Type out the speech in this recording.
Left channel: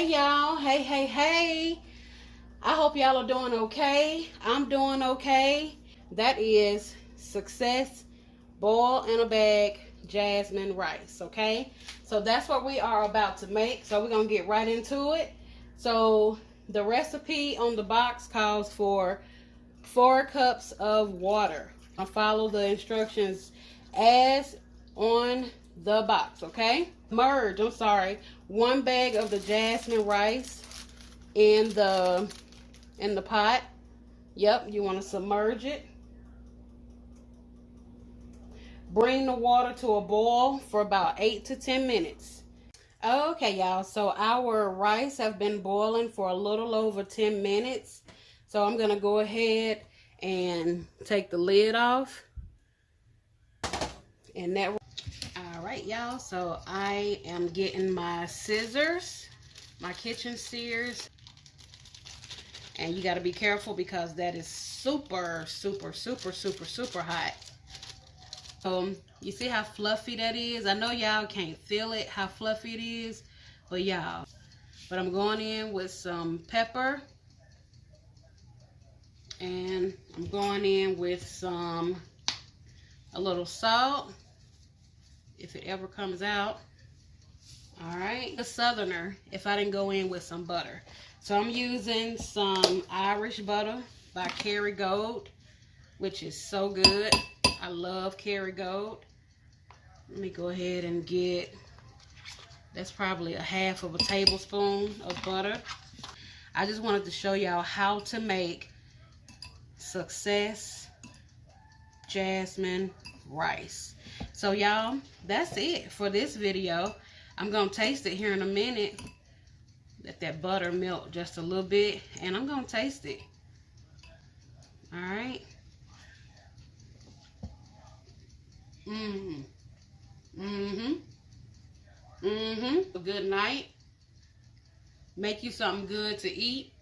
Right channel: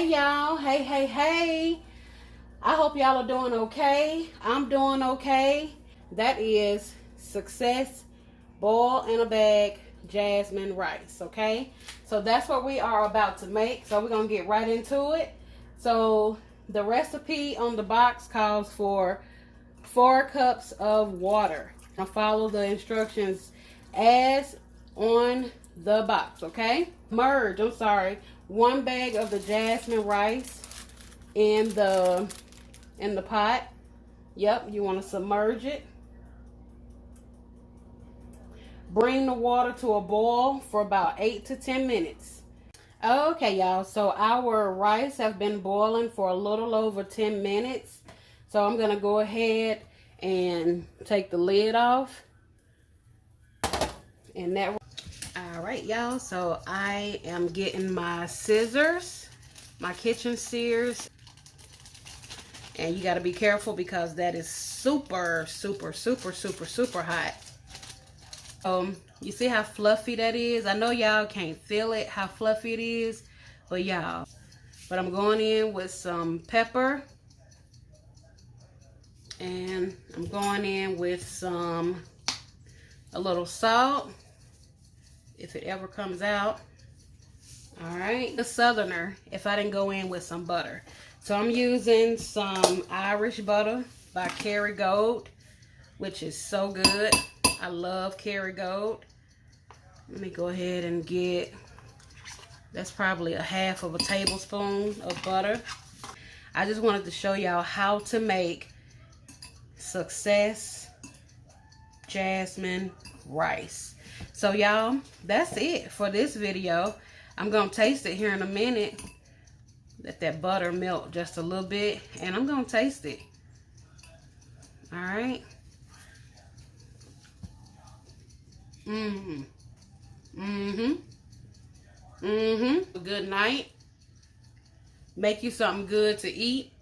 Hey y'all, hey. I hope y'all are doing okay. I'm doing okay. That is Success Boil in a Bag Jasmine Rice, okay? So that's what we are about to make. So we're going to get right into it. So the recipe on the box calls for 4 cups of water. I'll follow the instructions as on the box, okay? Merge, 1 bag of the jasmine rice in the pot. Yep, you want to submerge it. Bring the water to a boil for about 8 to 10 minutes. Okay, y'all, so our rice have been boiling for a little over 10 minutes. So I'm going to go ahead and take the lid off. And that, all right, y'all, so I am getting my scissors, my kitchen shears. And you got to be careful because that is super hot. You see how fluffy that is? I know y'all can't feel it, how fluffy it is, but y'all. But I'm going in with some pepper. And I'm going in with a little salt, if it ever comes out. All right, a Southerner, if I didn't go in with some butter. So I'm using some Irish butter by Kerrygold, which is so good. I love Kerrygold. Let me go ahead and get, that's probably a half of a tablespoon of butter. I just wanted to show y'all how to make Success Jasmine Rice. So y'all, that's it for this video. I'm gonna taste it here in a minute. Let that butter melt just a little bit, and I'm gonna taste it. All right. Good night. Make you something good to eat.